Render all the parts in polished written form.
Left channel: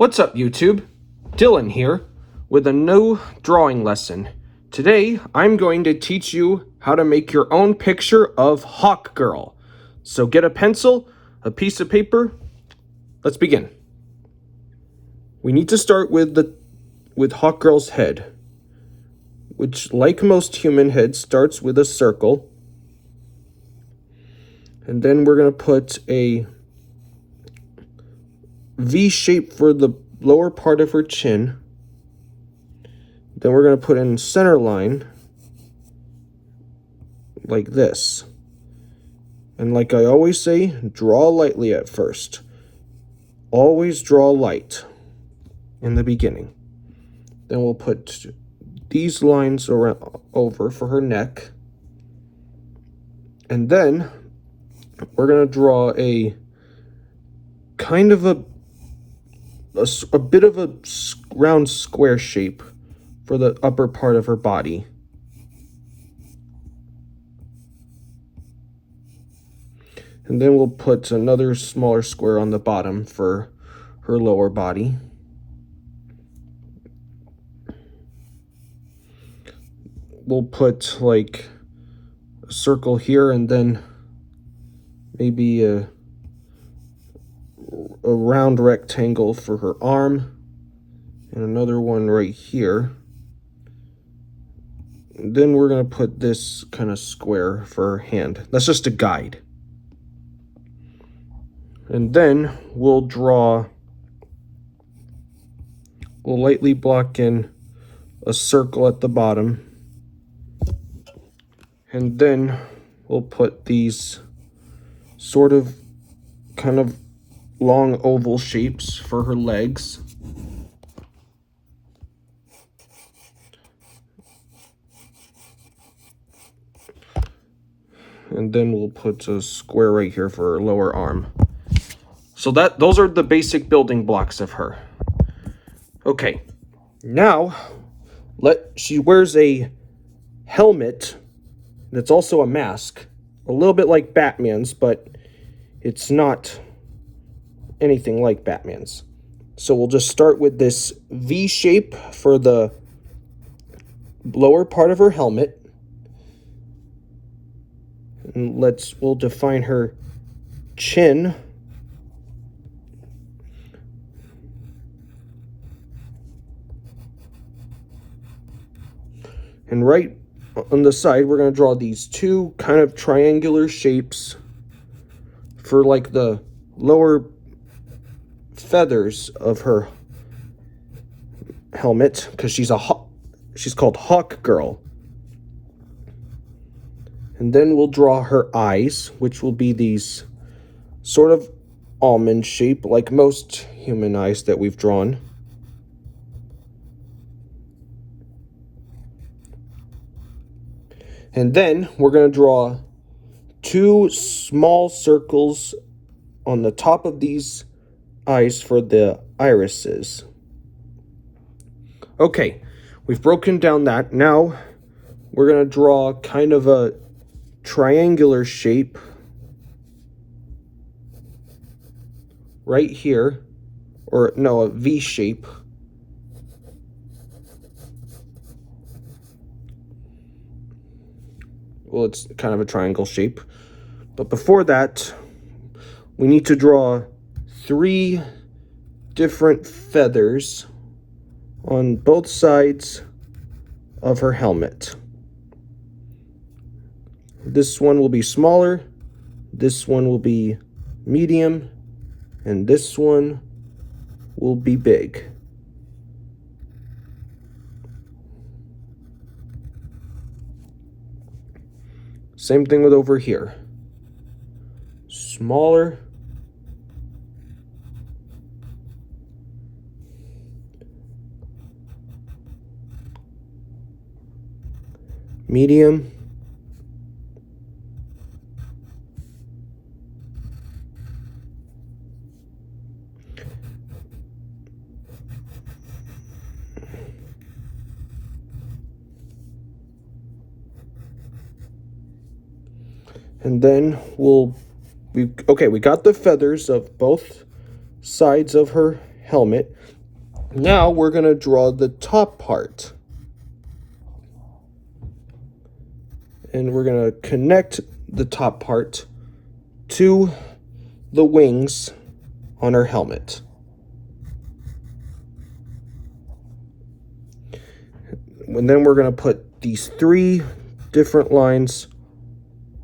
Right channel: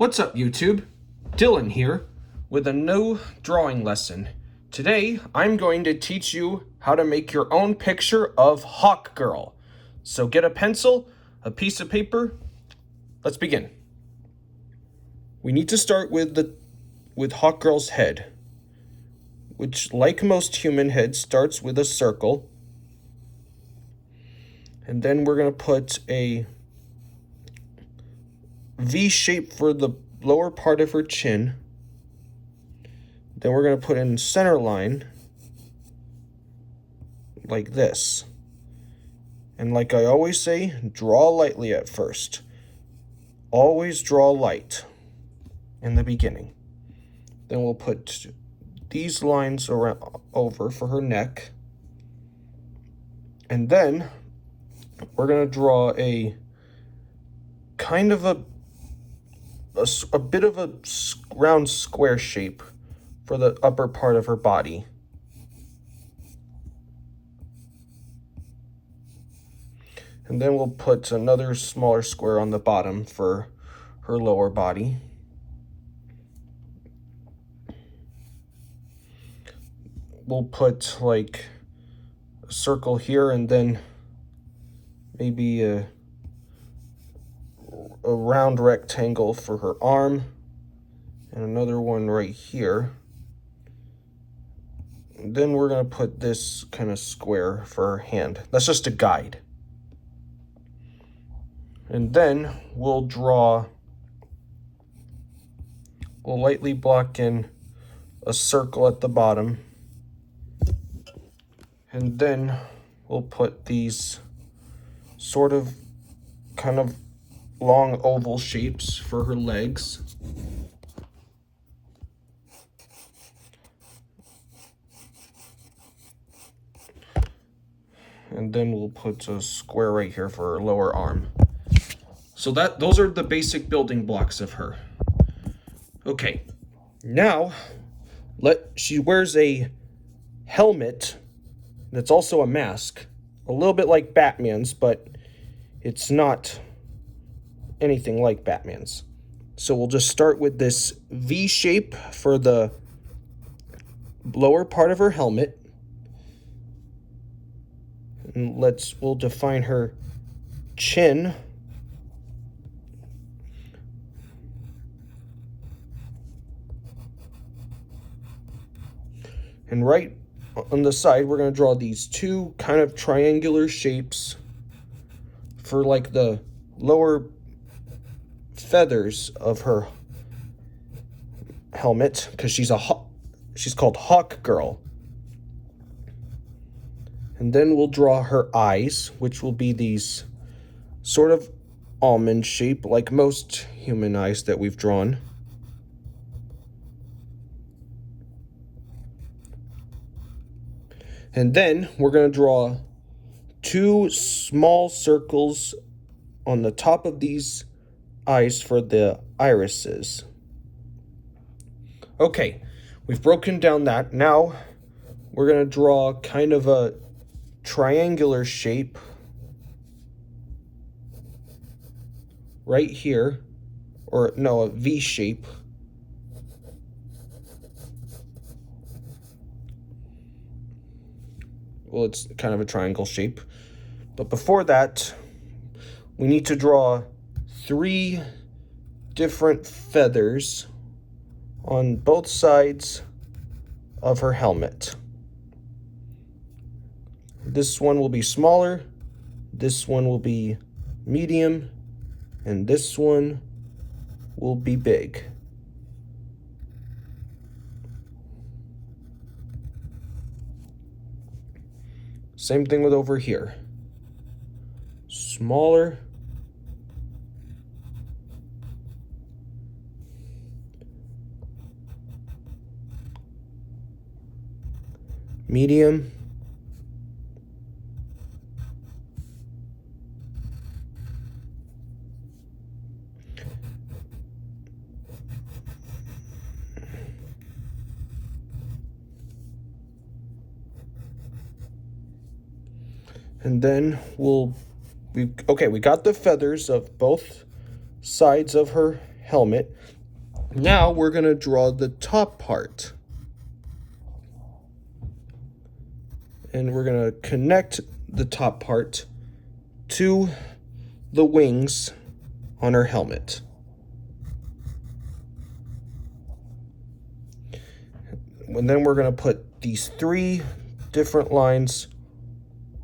What's up, YouTube? Dylan here with a new drawing lesson. Today, I'm going to teach you how to make your own picture of Hawkgirl. So get a pencil, a piece of paper. Let's begin. We need to start with Hawkgirl's head, which, like most human heads, starts with a circle. And then we're going to put a V shape for the lower part of her chin. Then we're going to put in center line like this. And like I always say, draw lightly at first. Always draw light in the beginning. Then we'll put these lines over for her neck. And then we're going to draw a kind of a bit of a round square shape for the upper part of her body. And then we'll put another smaller square on the bottom for her lower body. We'll put like a circle here and then maybe a round rectangle for her arm and another one right here. And then we're going to put this kind of square for her hand. That's just a guide. And then we'll lightly block in a circle at the bottom. And then we'll put these sort of kind of long oval shapes for her legs. And then we'll put a square right here for her lower arm. So those are the basic building blocks of her. Okay, now she wears a helmet that's also a mask, a little bit like Batman's, but it's not anything like Batman's. So we'll just start with this V shape for the lower part of her helmet. And we'll define her chin. And right on the side, we're going to draw these two kind of triangular shapes for like the lower feathers of her helmet, because she's called Hawkgirl. And then we'll draw her eyes, which will be these sort of almond shape, like most human eyes that we've drawn. And then we're going to draw two small circles on the top of these eyes for the irises. Okay, we've broken down that. Now we're going to draw kind of a triangular shape right here, or no, a V shape. Well, it's kind of a triangle shape. But before that, we need to draw 3 different feathers on both sides of her helmet. This one will be smaller, this one will be medium, and this one will be big. Same thing with over here. Smaller, medium, and then we got the feathers of both sides of her helmet. Now we're going to draw the top part. And we're going to connect the top part to the wings on her helmet. And then we're going to put these 3 different lines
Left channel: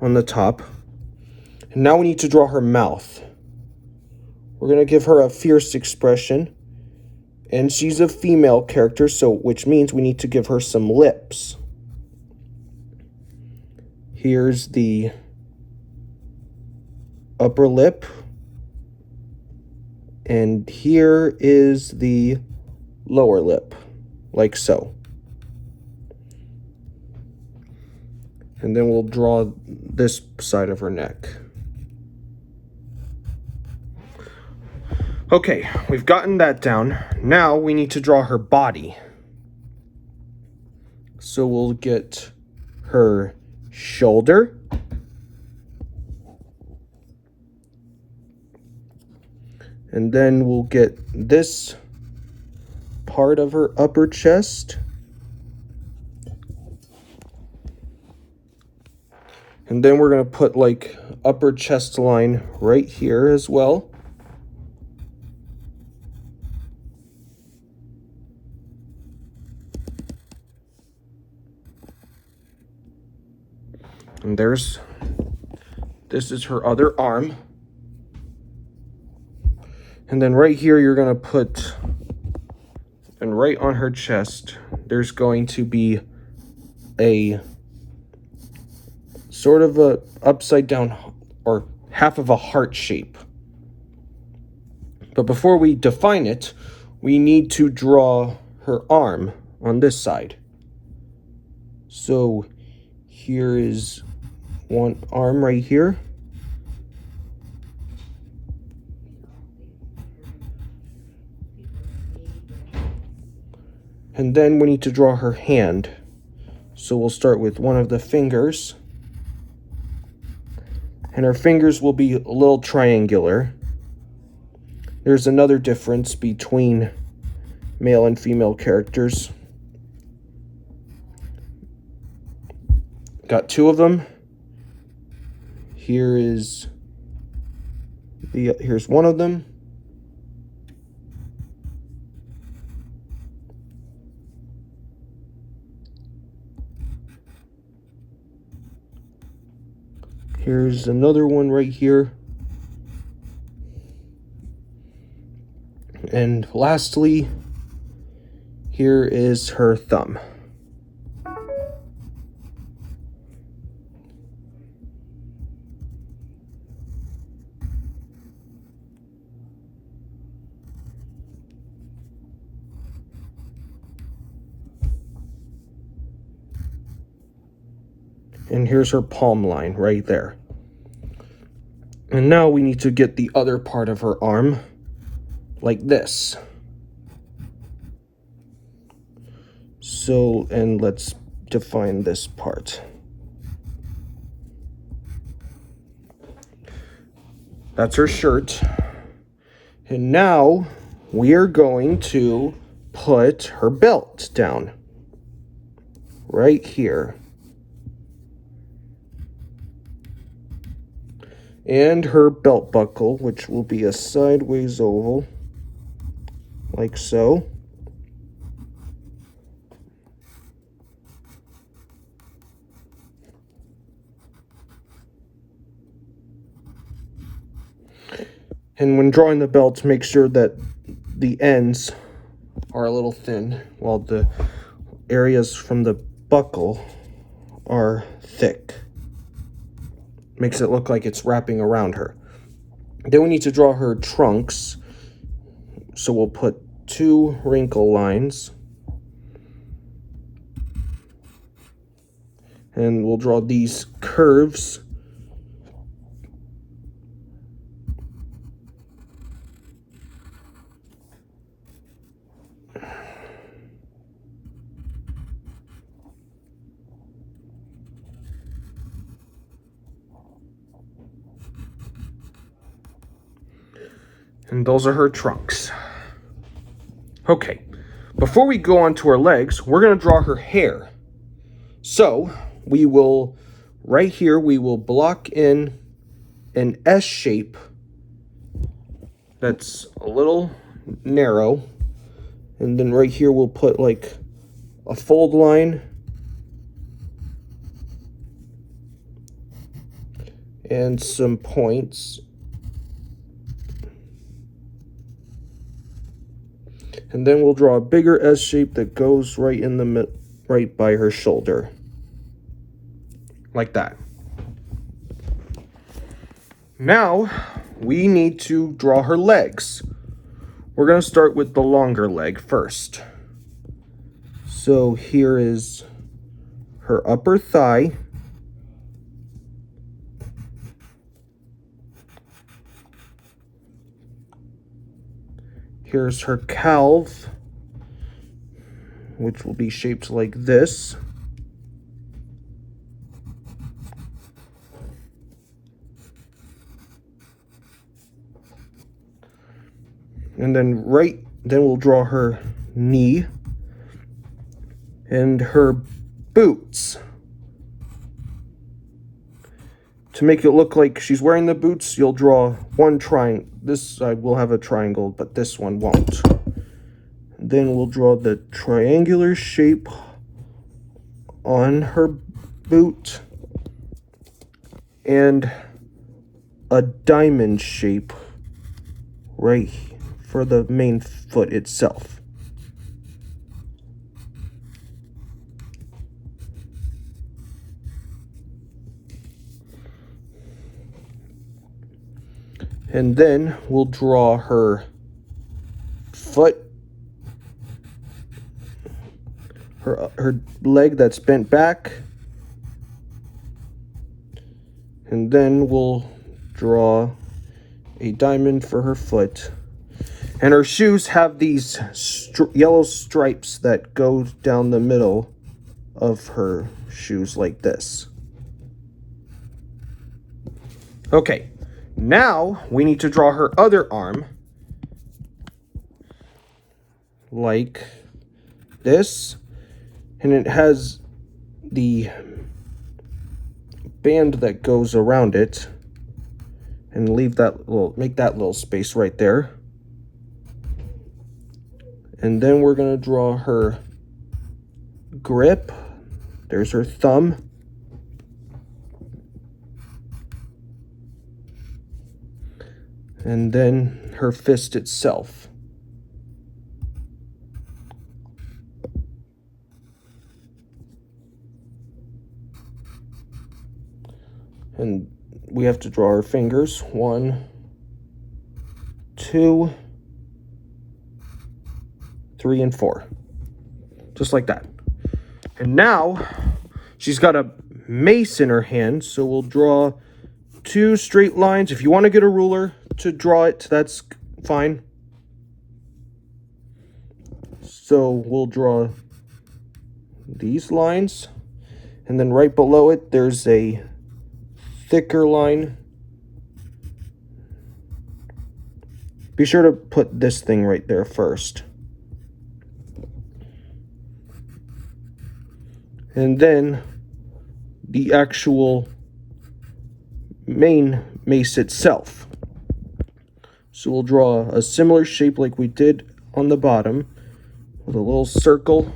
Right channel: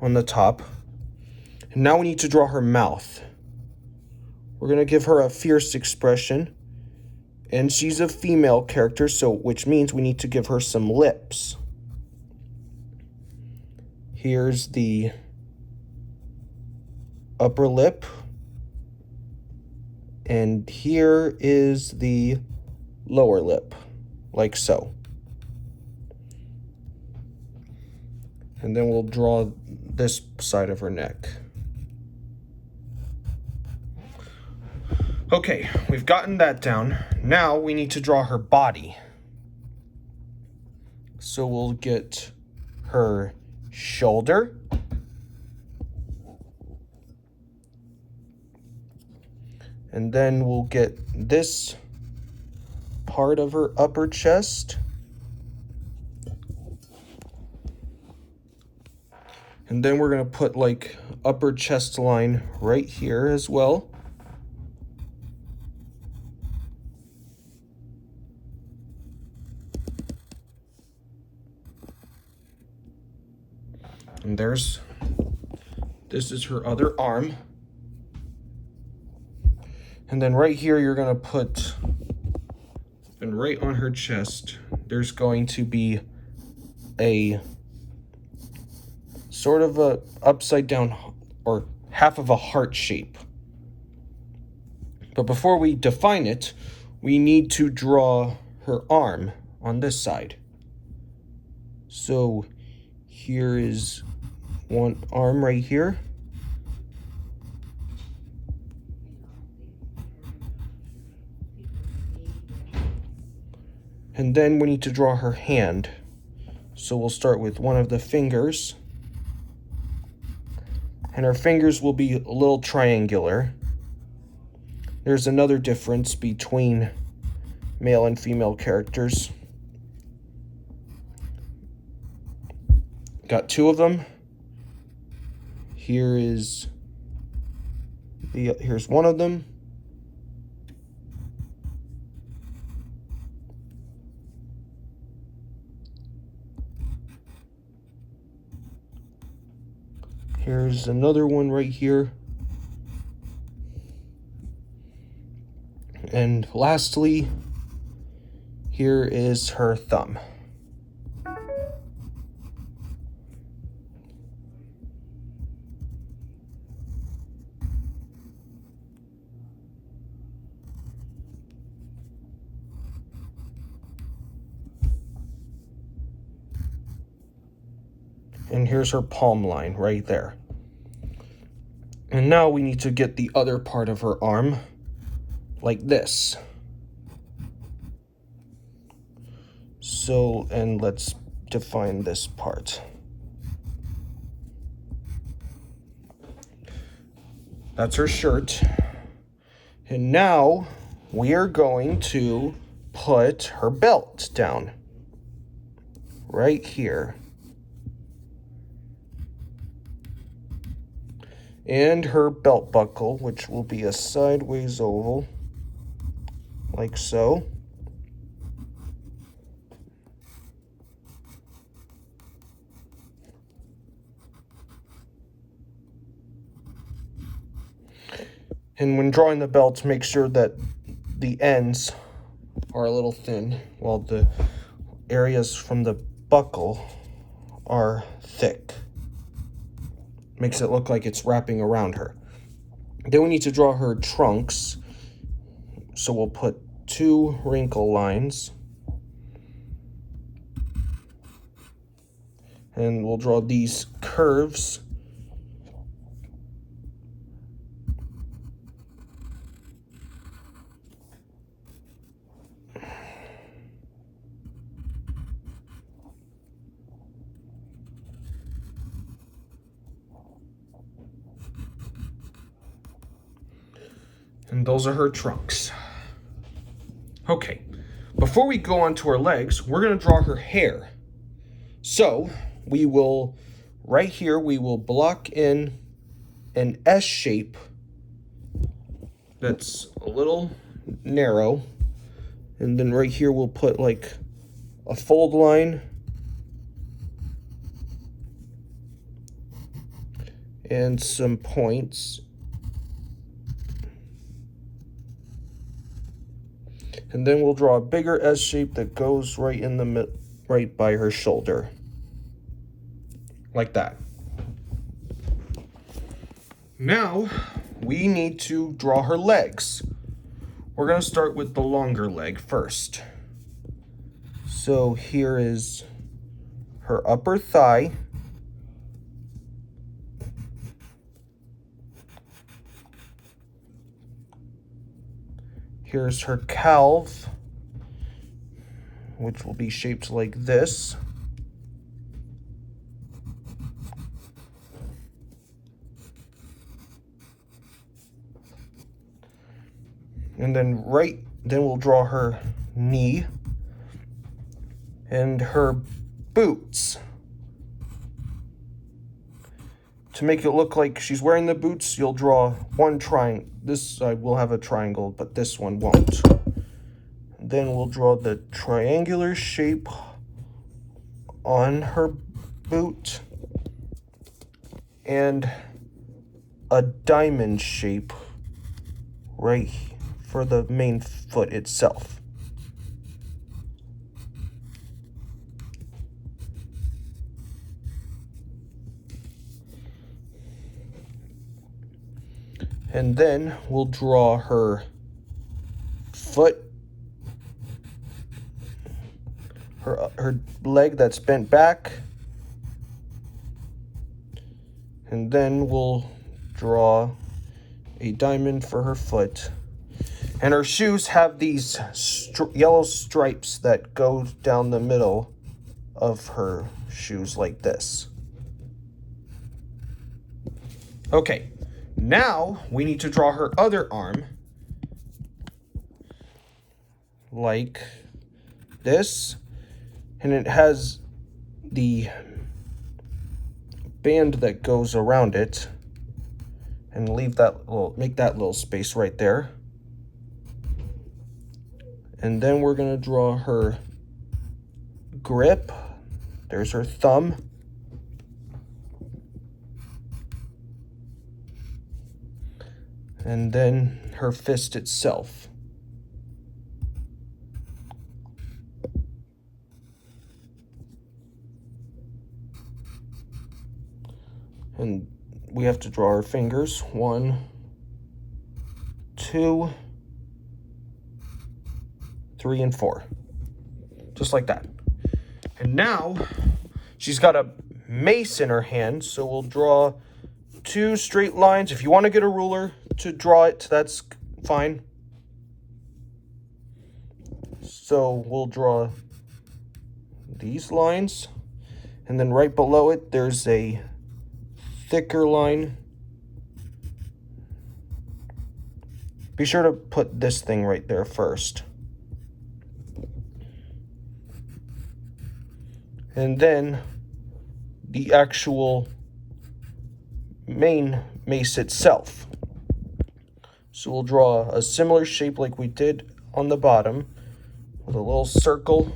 on the top. And now we need to draw her mouth. We're going to give her a fierce expression. And she's a female character, so which means we need to give her some lips. Here's the upper lip. And here is the lower lip, like so. And then we'll draw this side of her neck. Okay, we've gotten that down. Now we need to draw her body. So we'll get her shoulder. And then we'll get this part of her upper chest. And then we're going to put like upper chest line right here as well. And this is her other arm. And then right here, you're going to put, and right on her chest, there's going to be a sort of a upside down or half of a heart shape. But before we define it, we need to draw her arm on this side. So here is one arm right here. And then we need to draw her hand. So we'll start with one of the fingers. And her fingers will be a little triangular. There's another difference between male and female characters. Got 2 of them. Here's one of them. Here's another one right here. And lastly, here is her thumb. And here's her palm line right there. And now we need to get the other part of her arm like this. So, and let's define this part. That's her shirt. And now we are going to put her belt down right here. And her belt buckle, which will be a sideways oval, like so. And when drawing the belt, make sure that the ends are a little thin, while the areas from the buckle are thick. Makes it look like it's wrapping around her. Then we need to draw her trunks. So we'll put 2 wrinkle lines. And we'll draw these curves. And those are her trunks. Okay, before we go on to her legs, we're going to draw her hair. So we will, right here, we will block in an S shape that's a little narrow. And then right here, we'll put like a fold line and some points. And then we'll draw a bigger S shape that goes right in the right by her shoulder. Like that. Now, we need to draw her legs. We're going to start with the longer leg first. So here is her upper thigh. Here's her calf, which will be shaped like this. And then we'll draw her knee and her boots. To make it look like she's wearing the boots, you'll draw one triangle. This side will have a triangle, but this one won't. Then we'll draw the triangular shape on her boot and a diamond shape right for the main foot itself. And then we'll draw her foot, her leg that's bent back. And then we'll draw a diamond for her foot. And her shoes have these yellow stripes that go down the middle of her shoes like this. Okay. Now, we need to draw her other arm like this, and it has the band that goes around it, and make that little space right there. And then we're going to draw her grip. There's her thumb. And then her fist itself. And we have to draw her fingers. 1, 2, 3, and 4. Just like that. And now, she's got a mace in her hand, so we'll draw 2 straight lines. If you want to get a ruler to draw it, that's fine. So we'll draw these lines, and then right below it there's a thicker line. Be sure to put this thing right there first. And then the actual main mace itself. So we'll draw a similar shape like we did on the bottom, with a little circle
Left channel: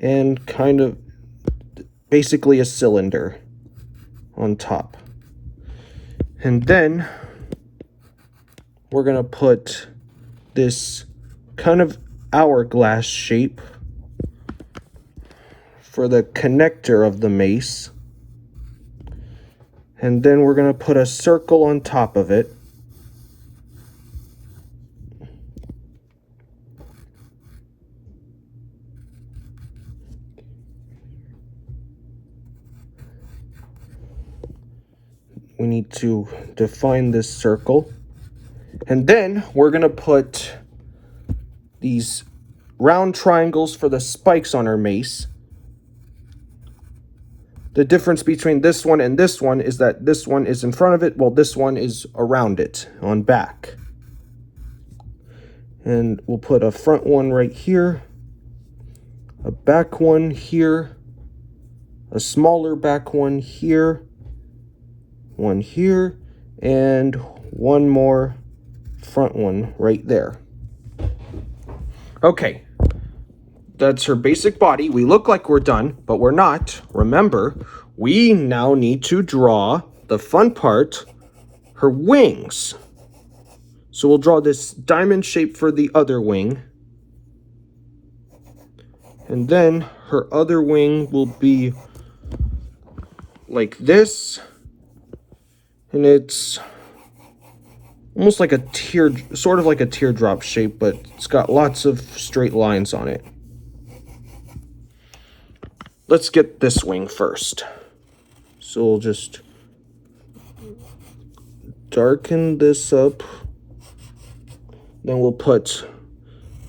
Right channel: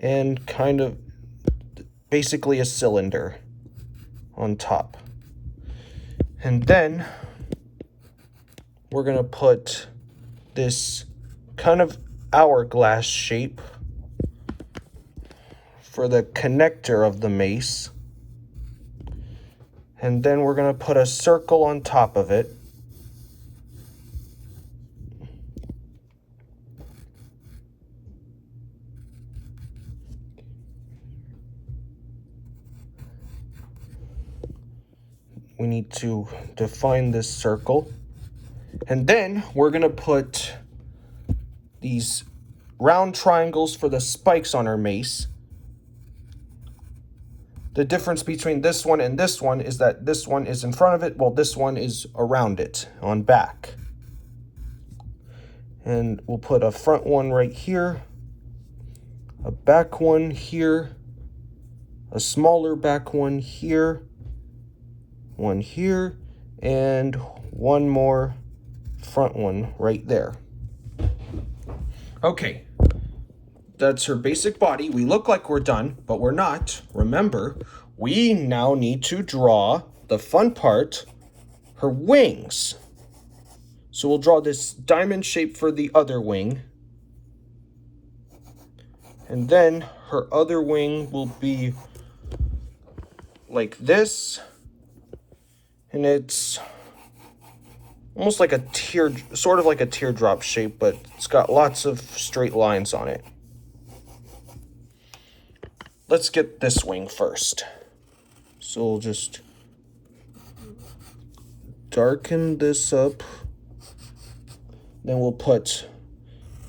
and kind of basically a cylinder on top. And then we're going to put this kind of hourglass shape for the connector of the mace. And then we're going to put a circle on top of it. We need to define this circle. And then we're going to put these round triangles for the spikes on our mace. The difference between this one and this one is that this one is in front of it, while this one is around it on back. And we'll put a front one right here, a back one here, a smaller back one here, and one more front one right there. Okay, that's her basic body. We look like we're done, but we're not. Remember, we now need to draw the fun part, her wings. So we'll draw this diamond shape for the other wing. And then her other wing will be like this. And it's almost like a sort of like a teardrop shape, but it's got lots of straight lines on it. Let's get this wing first. So we'll just darken this up. Then we'll put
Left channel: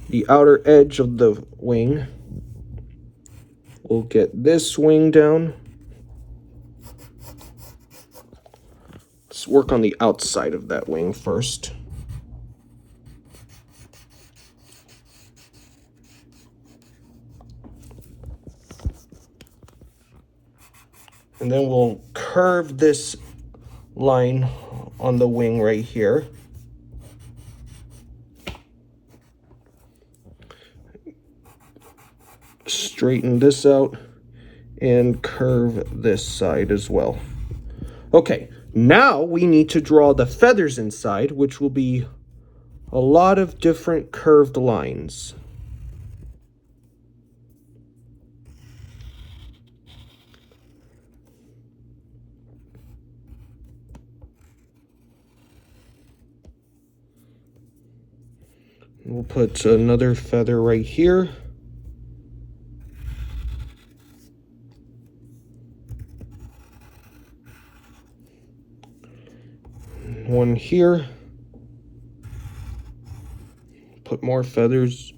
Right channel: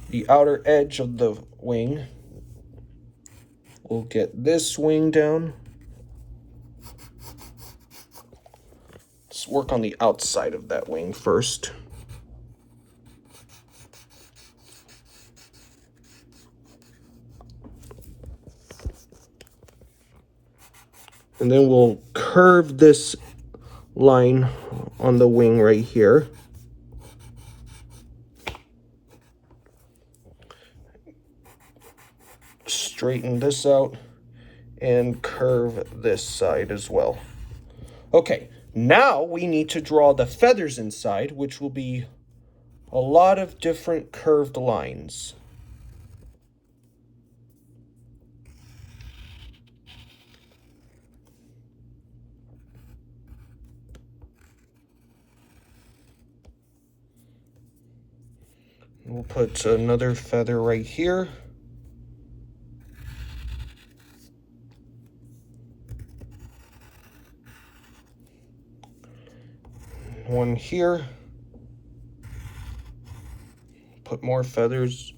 the outer edge of the wing. We'll get this wing down. Let's work on the outside of that wing first. And then we'll curve this line on the wing right here. Straighten this out and curve this side as well. Okay, now we need to draw the feathers inside, which will be a lot of different curved lines. We'll put another feather right here. One here. Put more feathers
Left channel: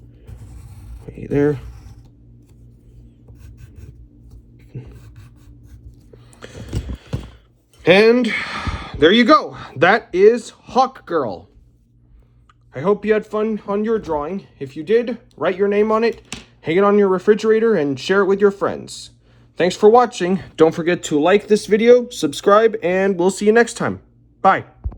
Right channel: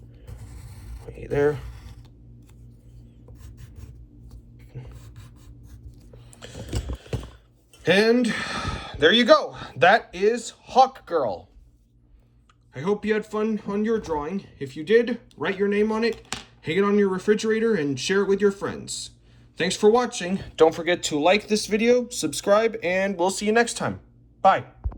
right there. And there you go. That is Hawkgirl. I hope you had fun on your drawing. If you did, write your name on it, hang it on your refrigerator, and share it with your friends. Thanks for watching. Don't forget to like this video, subscribe, and we'll see you next time. Bye.